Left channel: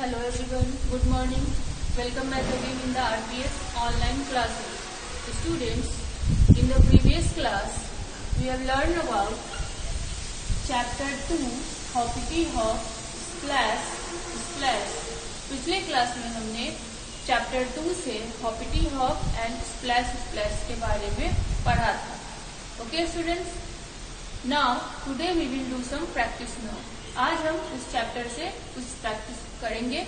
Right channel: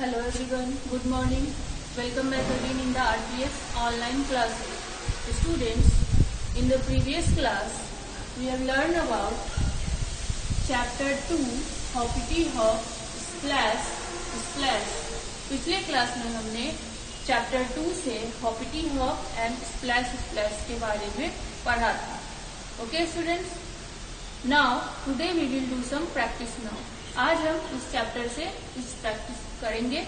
Hello everyone, good morning. Welcome back again in the RPS online classes. Students, in the previous class, we have learned about chapter 2, Hoppity Hop, Splash, Splash. पिछले class में हमने chapter 2 से hoppity hop and splash splash के बारे में पढ़ा था. Okay students, now today we will do some practice now. आज हम उस चैप्टर से कुछ प्रैक्टिस करेंगे.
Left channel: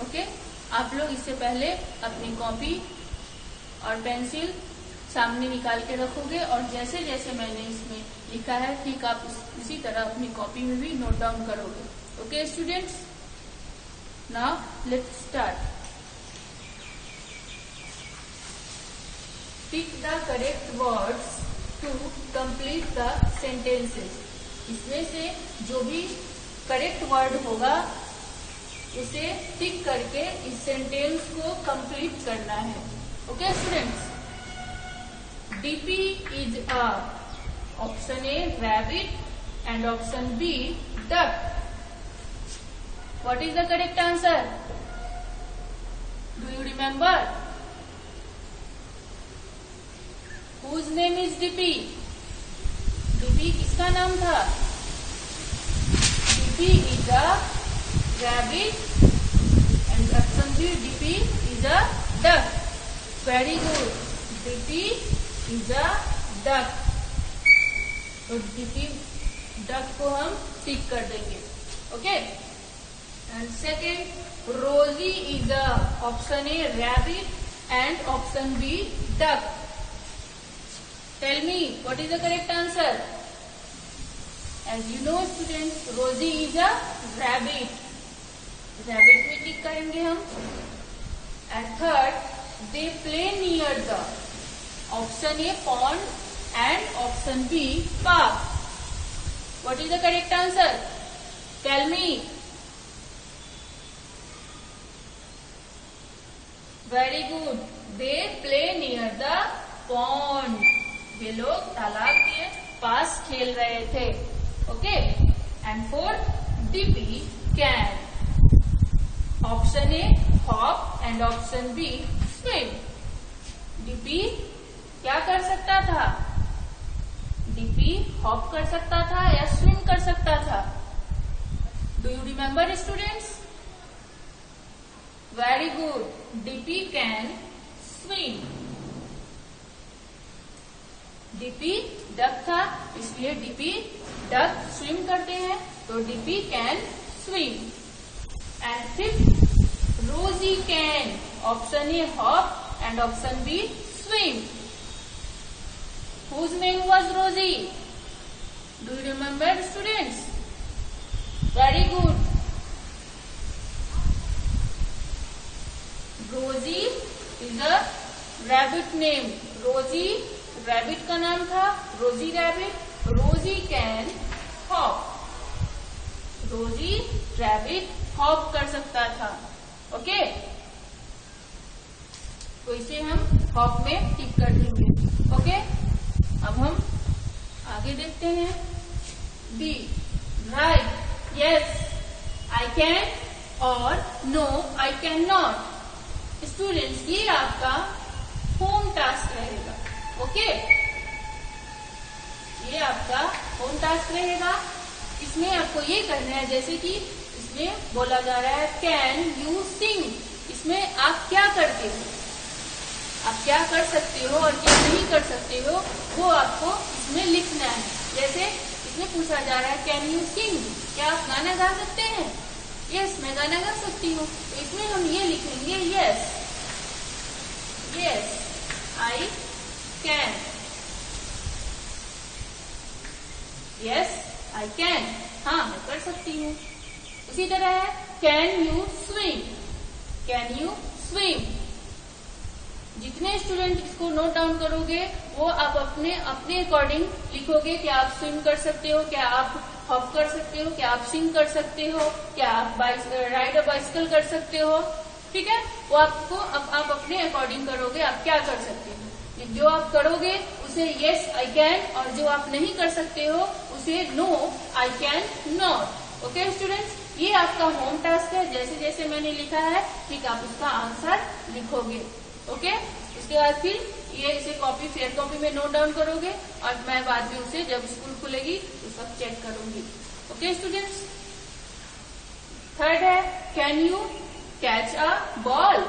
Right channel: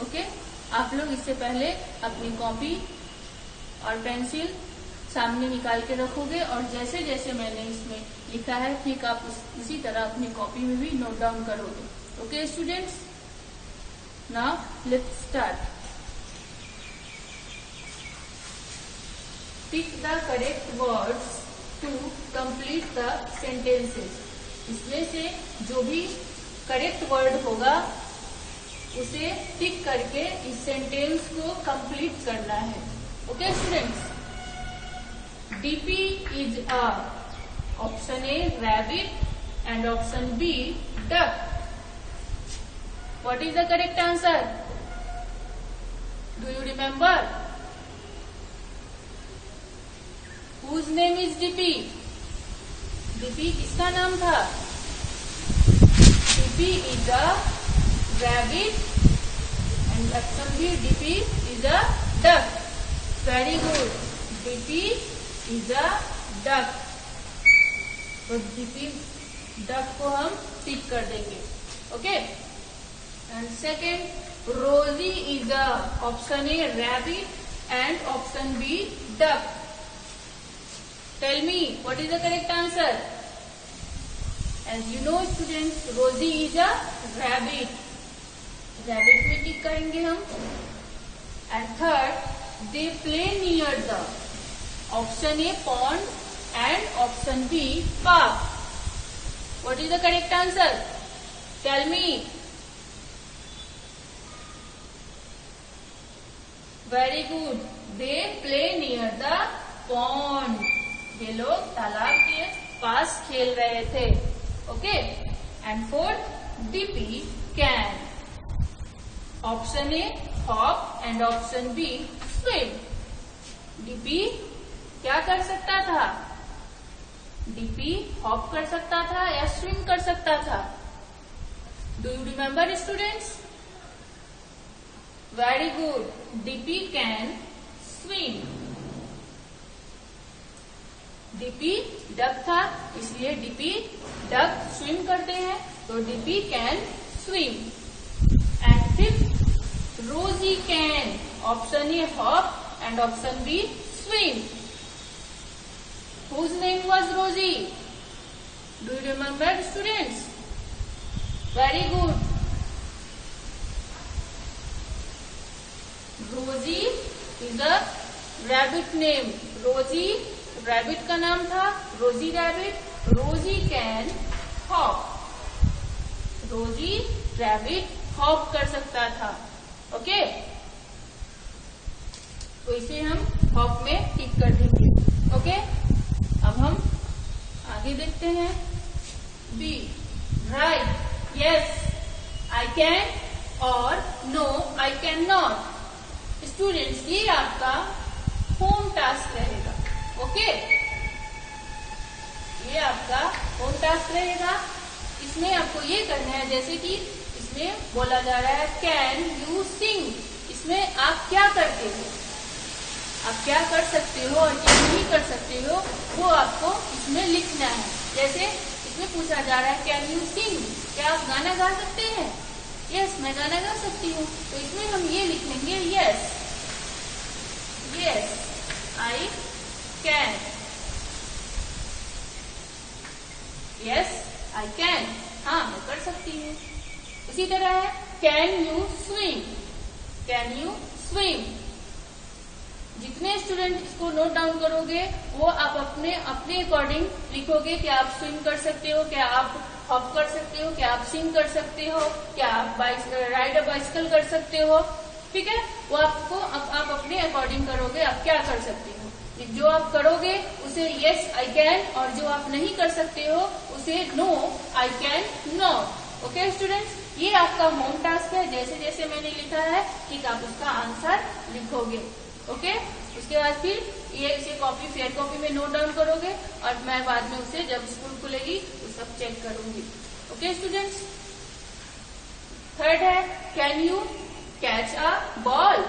ओके, आप लोग इससे पहले अपनी कॉपी और पेंसिल सामने निकाल के रखोगे और जैसे जैसे मैंने इसमें लिखा है ठीक आप इसी तरह अपनी कॉपी में भी नोट डाउन करोगे. Okay students, now let's start. Pick the correct words to complete the sentences. इसमें से जो भी करेक्ट वर्ड होगा उसे पिक करके इस सेंटेंस को कंप्लीट करना है. Okay students, DP is a, option A rabbit and option B duck. What is the correct answer? Do you remember? Whose name is DP? DP किसका नाम था? DP is a rabbit and option B, DP is a duck. Very good. DP is a duck. तो DP duck को हम tick कर देंगे. Okay, and second Rosie is a, option A rabbit and option B duck. Tell me what is the correct answer? As you know students, Rosie is a rabbit. Rabbit में tick करेंगे हम. And third, they play near the, option A pond and option B park. What is the correct answer? Tell me. Very good, they play near the pond. ये लोग तालाब के पास खेल रहे थे. Okay, and fourth, DP can, option A hop and option B swim. DP क्या कर सकता था? डीपी हॉप कर सकता था या स्विम कर सकता था? Do you remember students? Very good, DP can swim. DP duck था इसलिए डीपी डक स्विम करते हैं, तो DP can swim. And fifth, Rosie can, option A hop and option B swim. Whose name was Rosie? Do you remember students? Very good. Rosie is a rabbit name. Rosie rabbit का नाम था. Rosie rabbit. Rosie can hop. Rosie rabbit hop कर सकता था. Okay, तो इसे हम hop में टिक कर देंगे. ओके, अब हम आगे देखते हैं. D, right, yes, I can और no I can not. Students, ये आपका होम टास्क रहेगा. ओके, ये आपका होम टास्क रहेगा. इसमें आपको ये करना है, जैसे कि इसमें बोला जा रहा है कैन यू सिंग. इसमें आप क्या करते हो, आप क्या कर सकते हो और क्या नहीं कर सकते हो, वो आपको इसमें लिखना है. जैसे इसमें पूछा जा रहा है कैन यू सिंग, क्या आप गाना गा सकते हैं? यस, मैं गाना गा सकती हूँ. तो इसमें हम ये लिखेंगे yes, yes I can. Yes I can, हाँ मैं कर सकती हूँ. इसी तरह है can you swim, can you swim. जितने स्टूडेंट इसको नोट डाउन करोगे वो आप अपने अकॉर्डिंग लिखोगे. क्या आप स्विम कर सकते हो, क्या आप हॉप कर सकते हो, क्या आप सिंग कर सकते हो, क्या आप राइड अ बाइसिकल कर सकते हो. ठीक है, वो आपको आप अपने अकॉर्डिंग करोगे आप क्या कर सकते हो. जो आप करोगे उसे यस आई कैन और जो आप नहीं कर सकते हो उसे no I can not. Okay students, ये आपका होम टास्क है। जैसे जैसे मैंने लिखा है ठीक आप उसका आंसर लिखोगे। ओके, उसके बाद फिर ये इसे कॉपी फेयर कॉपी में नोट डाउन करोगे और मैं बाद में उसे जब स्कूल खुलेगी तो सब चेक करूंगी। ओके स्टूडेंट्स, थर्ड है can you catch a ball.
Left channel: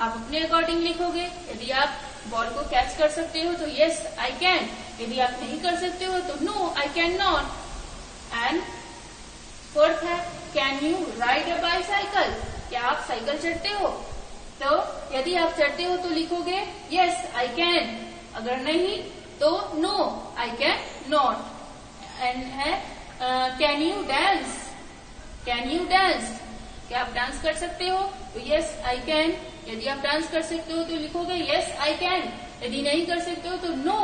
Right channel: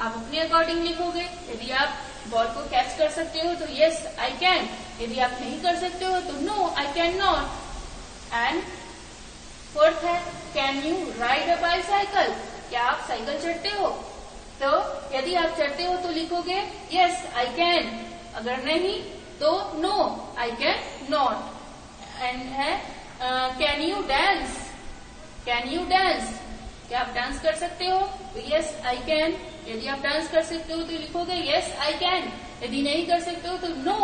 आप अपने अकॉर्डिंग लिखोगे। यदि आप बॉल को कैच कर सकते हो तो यस आई कैन, यदि आप नहीं कर सकते हो तो no I can not. And fourth है can you ride a bicycle. क्या आप साइकिल चढ़ते हो? तो यदि आप चढ़ते हो तो लिखोगे यस आई कैन, अगर नहीं तो no I can not. And है can you dance. Can you dance, क्या आप डांस कर सकते हो? तो यस आई कैन, यदि आप डांस कर सकते हो तो लिखोगे यस आई कैन, यदि नहीं कर सकते हो तो no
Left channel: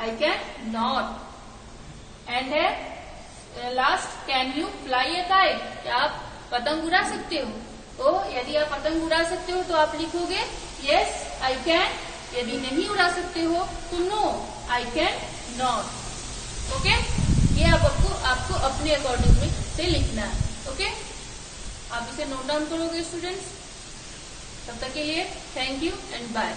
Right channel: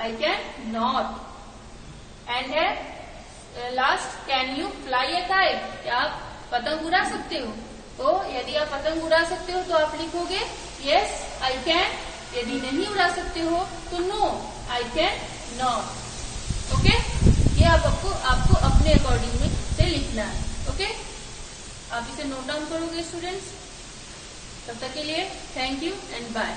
I can not. And है last can you fly a kite. क्या आप पतंग उड़ा सकते हो? तो यदि आप पतंग उड़ा सकते हो तो आप लिखोगे यस आई कैन, यदि नहीं उड़ा सकते हो तो no I can not. Okay, ये आपको अपने अकॉर्डिंग में से लिखना है। ओके, आप इसे नोट डाउन करोगे स्टूडेंट्स। तब तक के लिए थैंक यू एंड बाय।